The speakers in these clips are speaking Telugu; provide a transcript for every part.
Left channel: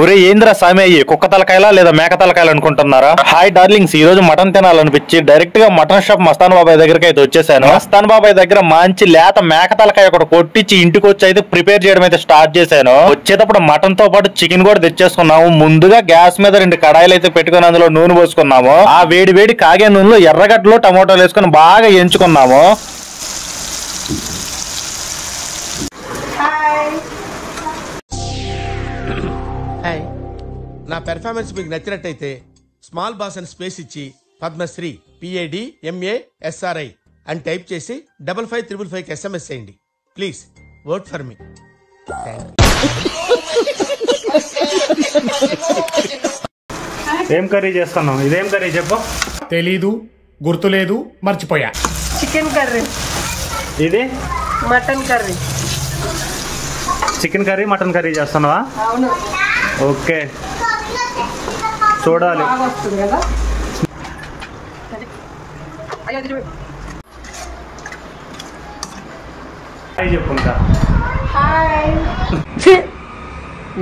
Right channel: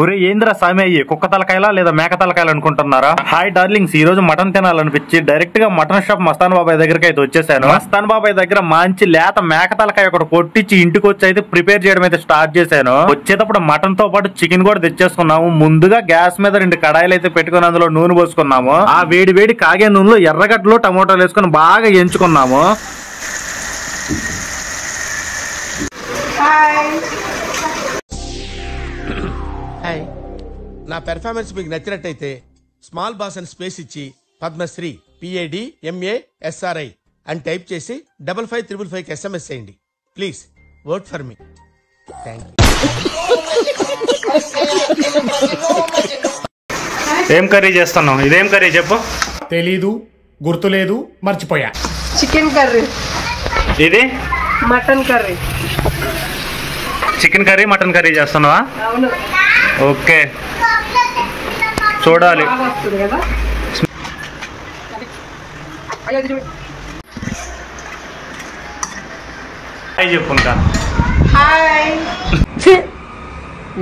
ఒరే ఏంద్రా సామి అయ్యి కుక్క తలకాయలా లేదా మేక తలకాయలు అనుకుంటున్నారా? హాయ్ డార్లింగ్స్, ఈ రోజు మటన్ తినాలనిపించి డైరెక్ట్ గా మటన్ షాప్ మస్తాన్ బాబాయ్ దగ్గరికి అయితే వచ్చేసాను. మస్తాన్ బాబాయ్ దగ్గర మంచి లేత మేక తలకాయ ఒకటి కొట్టించి ఇంటికి వచ్చి అయితే ప్రిపేర్ చేయడం అయితే స్టార్ట్ చేశాను. వచ్చేటప్పుడు మటన్ తో పాటు చికెన్ కూడా తెచ్చేసుకున్నాము. ముందుగా గ్యాస్ మీద 2 కడాయిలు అయితే పెట్టుకుని అందులో నూనె పోసుకున్నాము. ఆ వేడి వేడి కాగే నూనెలో ఎర్రగడ్డలు టమోటాలు వేసుకుని బాగా ఎంచుకున్నాము. హాయ్, నా పెర్ఫార్మెన్స్ మీకు నచ్చినట్టయితే స్మాల్ బాస్ అని స్పేస్ ఇచ్చి పద్మశ్రీ PADMASRI అని టైప్ చేసి 5555 SMS చేయండి. Please vote for me. ఏం కర్రీ చేస్తున్నావు? ఇదేం కర్రీ చెప్పు. తెలీదు, గుర్తులేదు, మర్చిపోయా. Chicken curry. ఇది mutton curry. Chicken curry mutton curry చేస్తున్నావా? అవును. ఓకే, చూడాలి. వస్తుంది కదా. హాయ్ చెప్పు. ఇంకా హాయ్.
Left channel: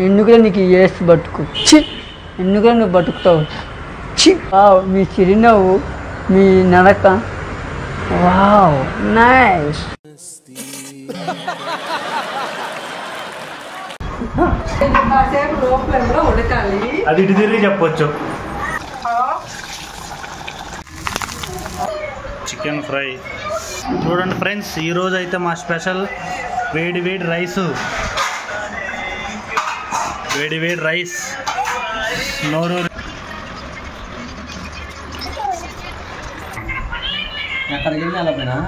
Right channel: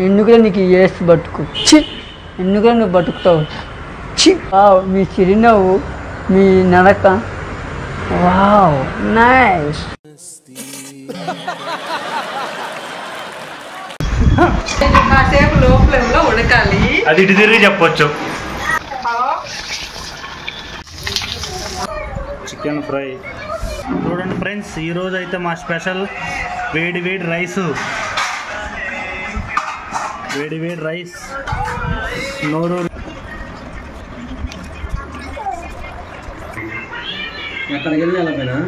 ఎందుకురా నీకు వేస్ట్ బతుకు? ఎందుకురా నువ్వు బతుకుతావు? మీ చిరునవ్వు, మీ నడక, వావ్ నైస్. కాసేపు లో ఫ్లేమ్ లో ఉడకాలి. అది ఇటు తిరిగి చెప్పొచ్చు. చికెన్ ఫ్రై చూడండి ఫ్రెండ్స్, ఈరోజు అయితే మా స్పెషల్ వేడి వేడి రైస్. వేడి వేడి రైస్ నోరు. అక్కడికి వెళ్ళి అలా పోయినా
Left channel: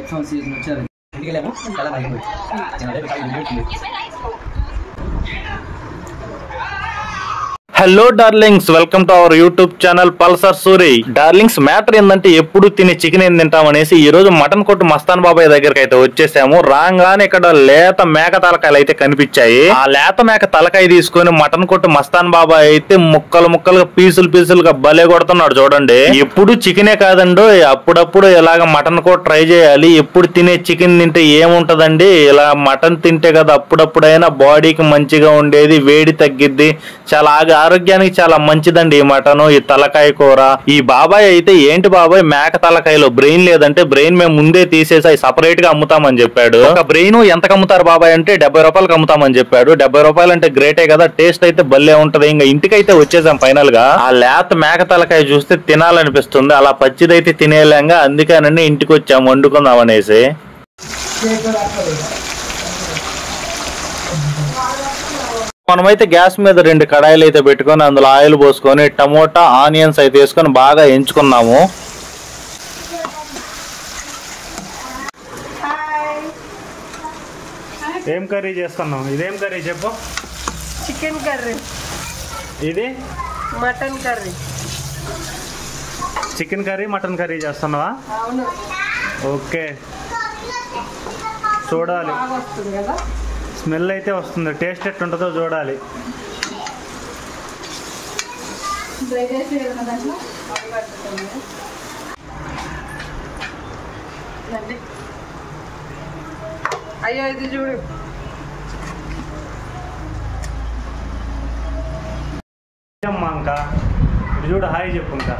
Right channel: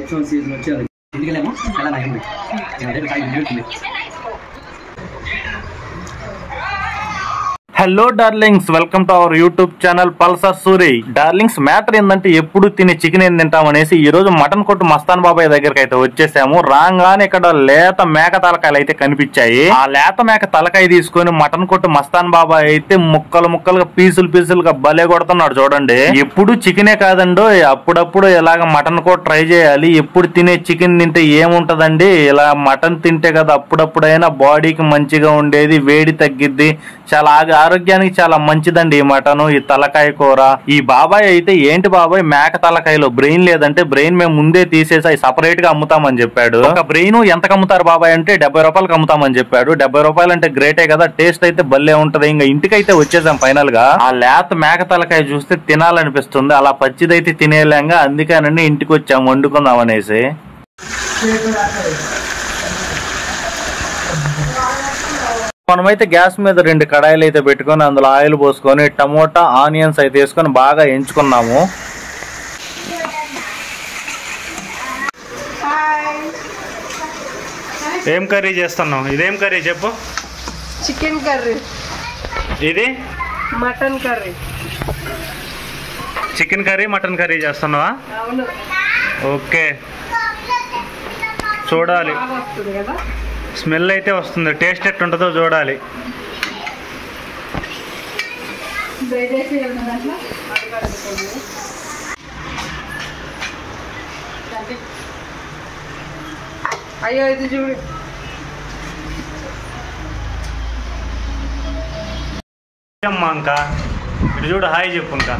iPhone సీజన్ వచ్చేది ఇంటికెళ్ళేమో చాలా నయం పోయి. Hello darlings, welcome to our YouTube channel Pulsar Suri. Darlings, matter ఏంటంటే ఎప్పుడు తినే చికెన్ ఏం తింటామనేసి ఈ రోజు మటన్ కొట్టు మస్తాన్ బాబాయ్ దగ్గరికి అయితే వచ్చేసాము. రాగానే ఇక్కడ లేత మేక తలకాయలు అయితే కనిపించాయి. ఆ లేత మేక తలకాయ తీసుకొని మటన్ కొట్టు మస్తాన్ బాబాయ్ అయితే ముక్కలు ముక్కలుగా పీసులుగా భలే కొడుతున్నాడు చూడండి. ఎప్పుడు చికెనే కాదండి, అప్పుడప్పుడు ఇలాగ మటన్ కూడా ట్రై చేయాలి. ఎప్పుడు తినే చికెన్ తింటే ఏముంటదండి, ఇలా మటన్ తింటే కదా అప్పుడప్పుడైనా బాడీకి మంచిగా ఉండేది, వేడి తగ్గిద్ది, చాలా ఆరోగ్యానికి చాలా మంచిదండి ఈ మటన్, ఈ తలకాయ కూర. ఈ బాబాయ్ అయితే ఏంటి బాబాయ్ మేక తలకాయలో బ్రెయిన్ లేదంటే బ్రెయిన్ మేము ముందే తీసేసి అవి సపరేట్ గా అమ్ముతామని చెప్పాడు. ఒక బ్రెయిన్ ఎంతకు అమ్ముతారు బాబాయ్ అంటే 70 రూపాయలకు అమ్ముతామని చెప్పాడు. 70 రూపాయలు అంటే గ్రేటే కదా, టేస్ట్ అయితే భలే ఉంటది. ఇంకా ఇంటికైతే వచ్చేసాం ఫైనల్ గా. ఆ లేత మేక తలకాయ చూస్తే తినాలనిపిస్తుంది, అలా పచ్చిదైతే తినేలేంగా, అందుకని ఇంటికి వచ్చాము వండుకుందాం అనేసి. మనమైతే గ్యాస్ మీద 2 కడాయిలు అయితే పెట్టుకొని అందులో ఆయిల్ పోసుకొని టమోటా ఆనియన్స్ అయితే వేసుకొని బాగా ఎంచుకున్నాము. ఏం కర్రీ చేస్తున్నావు? ఇదేం కర్రీ చెప్పు. Chicken curry. ఇది mutton curry. Chicken curry mutton curry చేస్తున్నావా? అవును. ఓకే, చూడాలి. వస్తుంది కదా. స్మెల్ అయితే వస్తుంది, టేస్ట్ ఎట్టుంటుందో చూడాలి. అయ్యో ఇది చూడు. అమ్మా ఇంకా ఇటు చూడు, హాయ్ చెప్పు. ఇంకా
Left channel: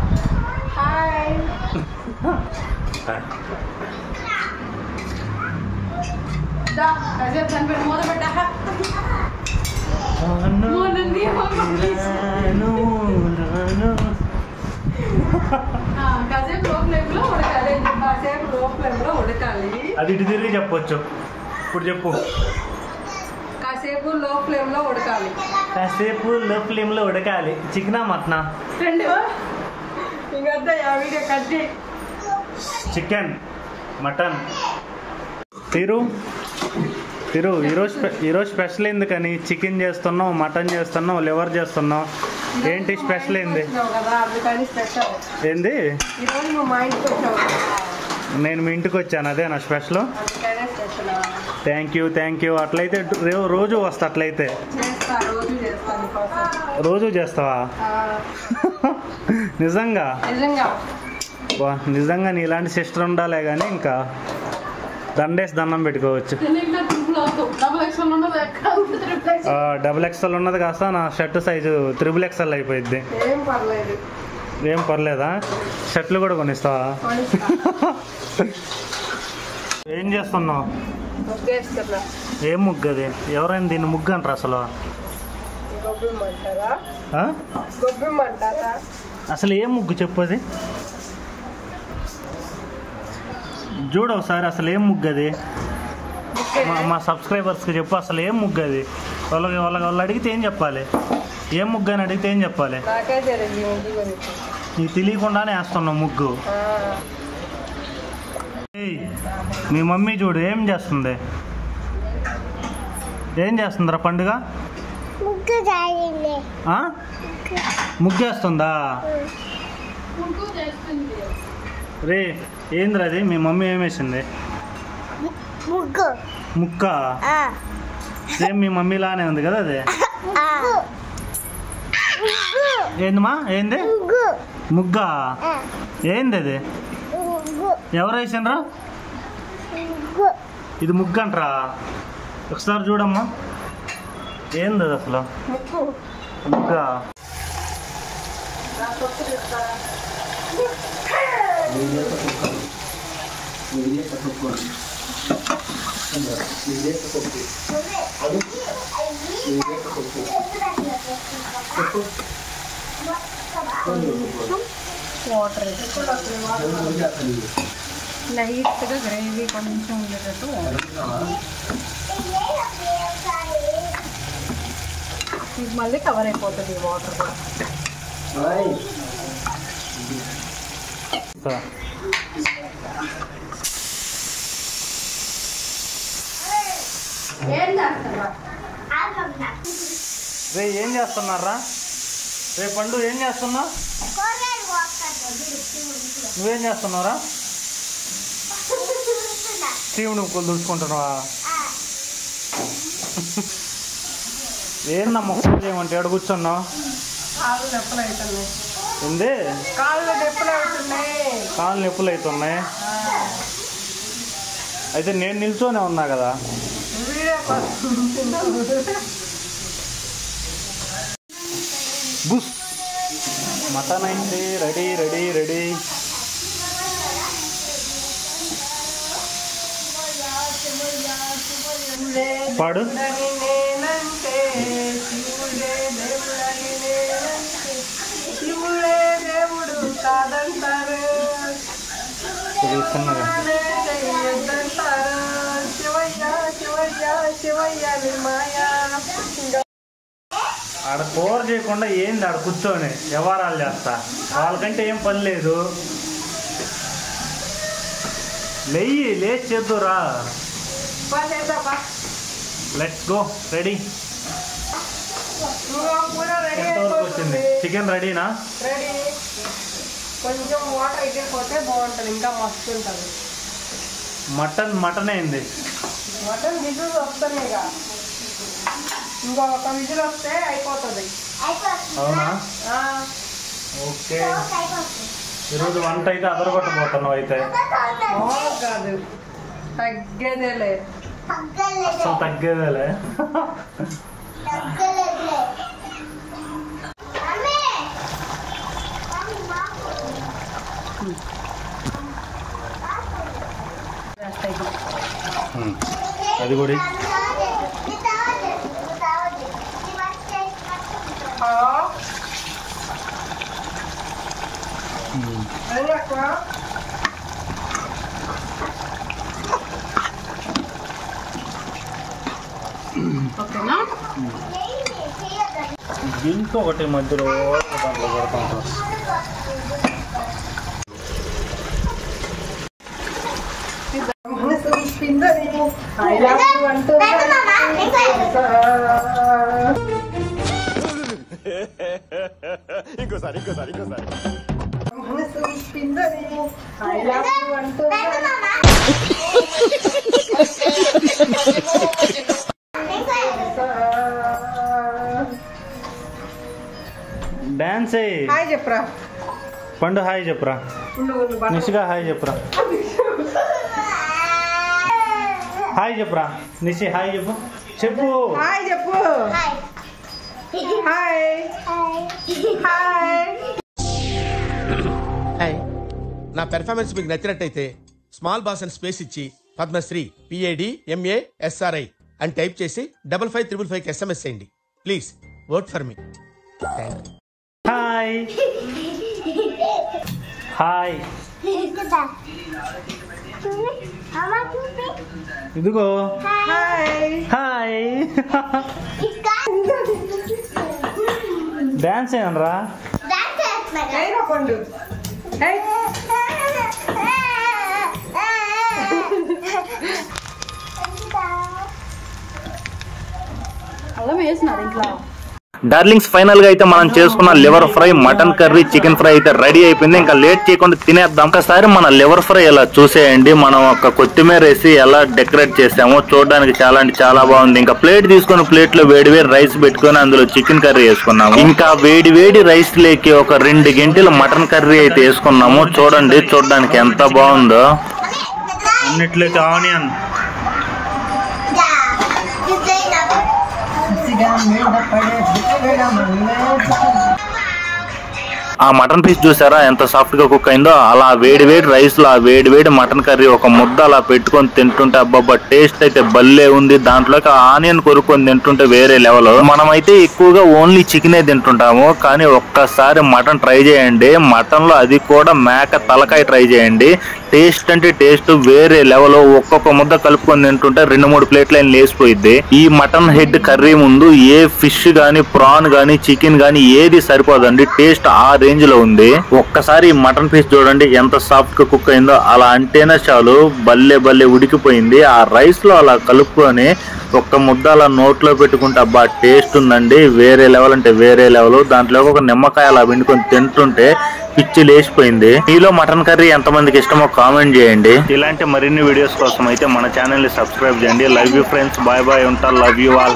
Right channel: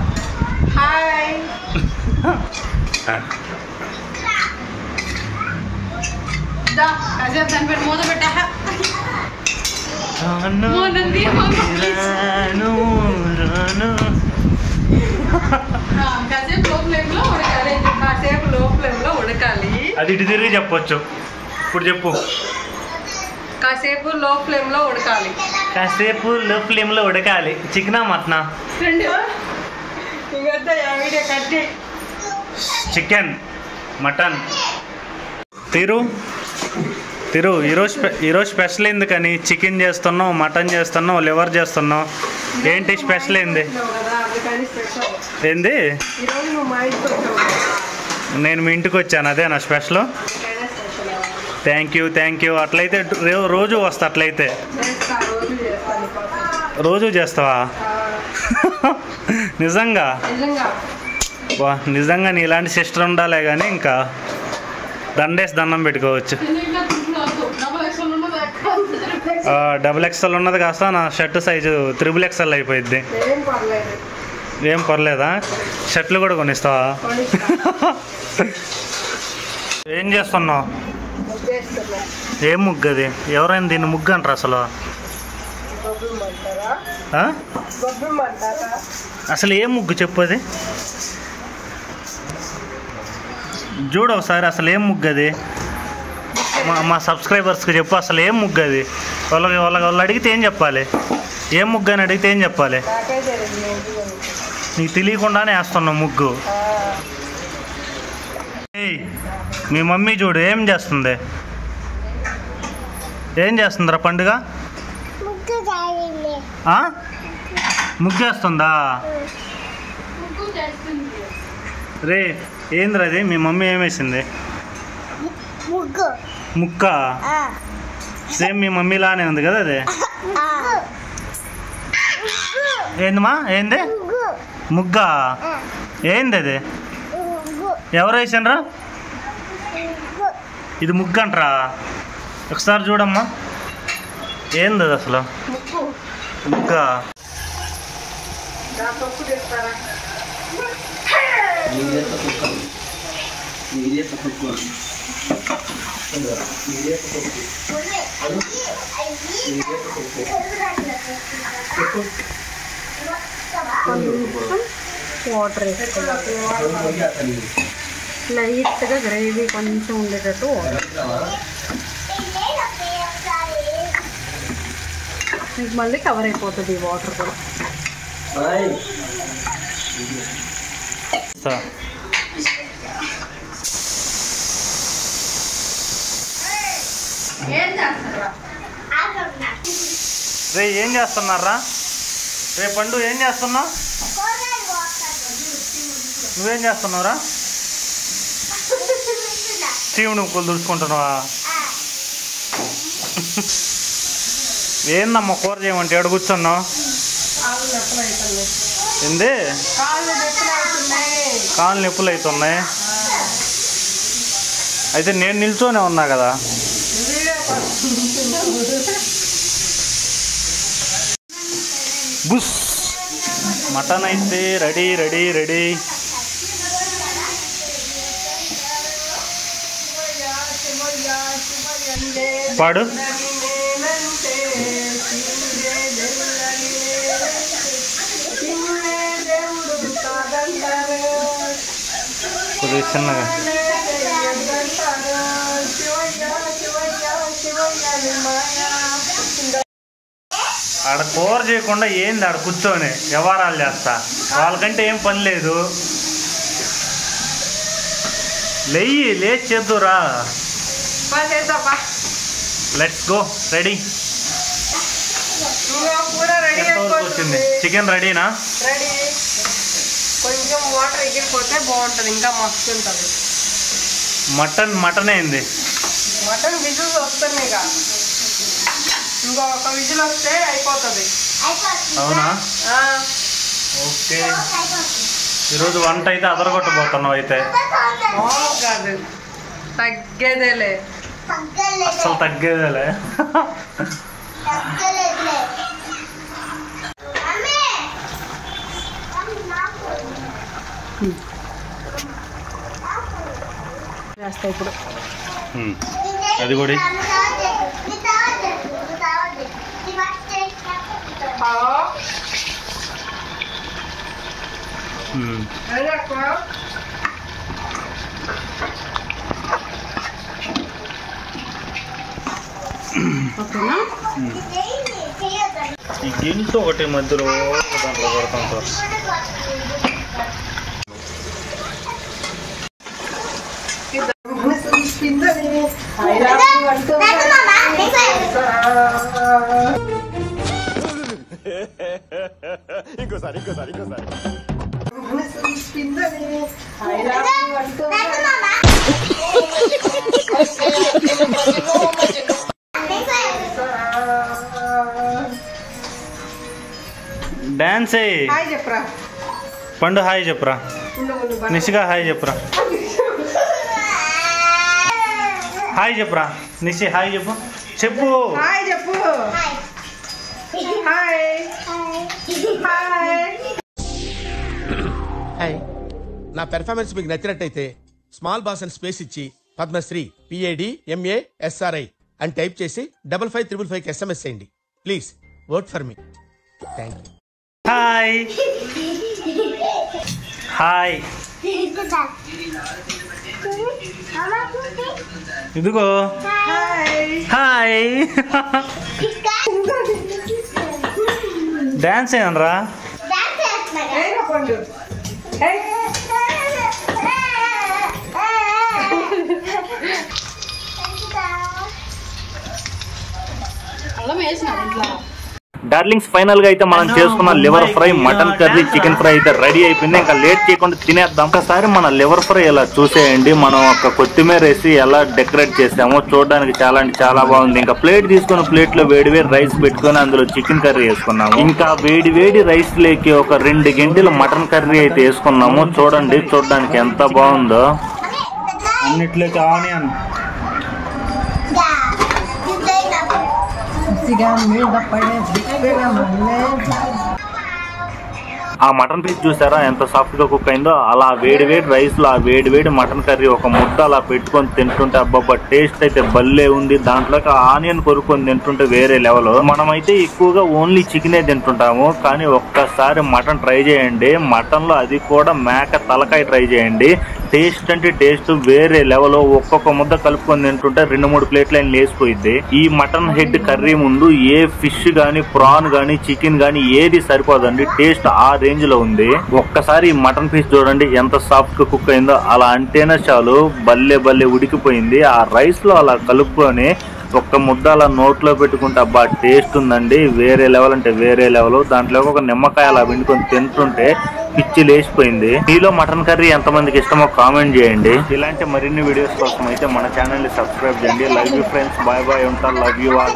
హాయ్. అది ఇటు తిరిగి చెప్పొచ్చు. ఇప్పుడు చెప్పు. కాసేపు లో ఫ్లేమ్ లో ఉడకాలి. కాసేపు లో ఫ్లేమ్ లో ఉడకాలి. చికెనా మటనా? Chicken mutton. తిరు ఈరోజు స్పెషల్ ఎందుకని చికెన్ చేస్తున్నావు, మటన్ చేస్తున్నావు, లివర్ చేస్తున్నావు, ఏంటి స్పెషల్ ఏంది? ఏంది? నేను మీ ఇంటికి వచ్చాను, అదే నా స్పెషల్. Thank you. అట్లయితే రోజు వస్తా. అట్లయితే రోజు చేస్తావా? నిజంగా? నిజంగా నీ ఇలాంటి సిస్టర్ ఉండాలే కానీ ఇంకా దండేసి దండం పెట్టుకోవచ్చు. డబుల్ ఎక్స్ఎల్ ఉన్నది కాస్త నా షర్ట్ సైజు త్రిబుల్ ఎక్స్ఎల్ అయిపోయింది. ఏం పర్లేదా? షర్ట్లు కూడా కొనిస్తావా? ఏం చేస్తున్నావు? ఏం ముగ్గు అది? ఎవరైనా దీన్ని ముగ్గు అంటారు అసలు? అసలు ఏం ముగ్గు చెప్పు అది చూడు ఒకసారి. అసలు ఏం ముగ్గు అది? మా సబ్స్క్రైబర్స్కి చెప్పు అసలు ఏం ముగ్గు అది? వాళ్ళు అడిగితే ఏం చెప్పాలి? ఏం ముగ్గు అని అడిగితే ఏం చెప్పాలి? నీకు తెలియకుండానే వేస్తున్నావు ముగ్గు. మీ మమ్మీ చూడు ఏం చేస్తుంది? ఏం చేస్తుందిరా పండుగ? ముగ్గేస్తుందా? రే ఏంద్రా అది? మీ మమ్మీ ఏం వేసింది? ముక్క. సేమ్ మీ మమ్మీ లానే ఉంది కదా అది? ఏందమ్మా? ఏంది ముగ్గా? ఏంది అది? ఎవరు వేసిండ్రా? ఇది ముగ్గు అంటారా? ఒకసారి చూడమ్మా. ఏంది అది అసలు? ముగ్గా? వాటర్ లైట్గా గ్రేవీ కొంచెం ఉండేటట్టు మళ్ళీ కవర్ అయిపోతుంది వాటర్ కూడా. రే ఏం చేస్తున్నారా? రే పండు ఏం చేస్తున్నావు? నువ్వేం చేస్తున్నావురా? చీవుడు ముక్కలు దుడుచుకుంటున్నావా? ఏందమ్మా కూర చేయమంటే ఎక్కడ కూర్చున్నావు? ఏంది? కాళ్ళు నొప్పులు అవుతున్నాయి. అయితే నేను నిల్చోనే ఉన్నా కదా. బుస్ మటన్ అయితే రెడీ రెడీ రెడీ. పాడు. కొద్దిగా చిన్నగా. ఆడ కూర చేయకుండా ఏంది ఆడ కూర్చొని వ్యవహారాలు చేస్తా? వాళ్ళకంటే ఏం పని లేదు. లేచి చేద్దురా. Let's go. రెడీ. వచ్చింది చికెన్ రెడీనా? రెడీ. కొంచెం వాటర్ ఎగిరిపోతే బాగుంటుంది, ఇంకా మస్తు ఉంటుంది. మటన్ అయింది. మటన్ విజిల్స్ వస్తున్నాయి. ఇంకొక విజిల్ వస్తే అయిపోతుంది. అవునా? ఓకే. ఈరోజు వంట అయితే అదరగొట్టబోతున్నావు అయితే. కాదు తగ్గేదేలే. అసలు తగ్గేదేలే. అది కూడా ఈ గిన్నెతో ఒకటి మధ్యలో దాంట్లో పెడతాం. ఇంకోసారి డాన్స్ హాయ్ చెప్పరా పండు. హాయ్ చెప్పరా. నిషిగా హాయ్ చెప్పరా. హాయ్ చెప్పరా. నిషి హాయ్ చెప్పు. చెప్పు. హాయ్ చెప్పు. Hi hi. నా పెర్ఫార్మెన్స్ మీకు నచ్చినట్టయితే స్మాల్ బాస్ అని స్పేస్ ఇచ్చి పద్మశ్రీ PADMASRI అని టైప్ చేసి 5555 SMS చేయండి. Please vote for me. Thank you. Hi hi. ఇదిగో హాయ్. డాన్స్ ఏమనరా? పండు డార్లింగ్స్, ఫైనల్ గా అయితే మనం చేసుకున్న liver fry, mutton curry, chicken fry అయితే రెడీ అయిపోయింది. ఇంకా లేట్ చేయకుండా తినేద్దాం. ఒకసారి మన లివర్ ఫ్రై ఎలా చూసేయండి. మనం ఒక కొత్తిమీర వేసి ఎలా డెకరేట్ చేసామో చూడడానికి చాలా అంటే చాలా బాగుంది. ఇంకా ప్లేట్ తీసుకుని ప్లేట్ లో వేడి వేడి రైస్ పెట్టుకుని అందులో చికెన్ కర్రీ వేసుకున్నాము. ఇంకా వేడి వేడి రైస్ లేకి ఒక 2 గంటలు మటన్ కర్రీ అయితే వేసుకున్నాము. చూడండి చూడడానికి ఎంత బాగుందో. అన్నిట్లోకి ఆనియన్, ఆ మటన్ పీస్ చూసారా ఎంత సాఫ్ట్ గా కుక్ అయిందో. అలా వేడి వేడి రైస్ లో ఆ వేడి వేడి మటన్ కర్రీ ఒక ముద్ద అలా పెట్టుకొని తింటుంటే అబ్బాబ్బా టేస్ట్ అయితే భలే ఉంది. దాంట్లోకి ఆనియన్ కొరుక్కొని తింటుంటే వేరే లెవెల్. మనమైతే ఎక్కువగా ఓన్లీ చికెనే తింటుంటాము, కానీ ఒక్కసారి మటన్ ట్రై చేయండి. మటన్ లో అది కూడా మేక తలకాయ ట్రై చేయండి. టేస్ట్ అంటే టేస్ట్ వేరే లెవెల్. ఒక్కొక్క ముద్ద కలుపుకొని తింటుంటే 2-3 ప్లేట్లు అయిన లేసిపోయింది. ఈ మటన్ హెడ్ కర్రీ ముందు ఏ ఫిష్ గానీ, ప్రాన్ గానీ, చికెన్ గానీ ఏది సరిపోదండి. టేస్ట్ ఆ రేంజ్ లో ఉంది. ఒక్కసారి ఈ మటన్ పీస్ చూడండి ఎంత సాఫ్ట్ గా కుక్ అయిందో. అలా అంటేనే చాలు భలే భలే ఉడికిపోయింది. ఆ రైస్ లో అలా కలుపుకొని ఒక్క ముద్ద అలా నోట్లో పెట్టుకుంటే అబ్బా టేస్ట్ ఉందండి. వేరే లెవెల్ అంటే వేరే లెవెల్. దాంట్లో ఒక నిమ్మకాయ అలా పిండుకొని తింటుంటే పిచ్చి లేచిపోయింది. మీలో మటన్ కర్రీ ఎంతమందికి ఇష్టమో కామెంట్ చేయండి. ఇలాంటి మరిన్ని వీడియోస్ కోసం అయితే మన ఛానల్ ని సబ్స్క్రైబ్ చేయండి. Love you friends, bye bye. ఉంటా. Love you all.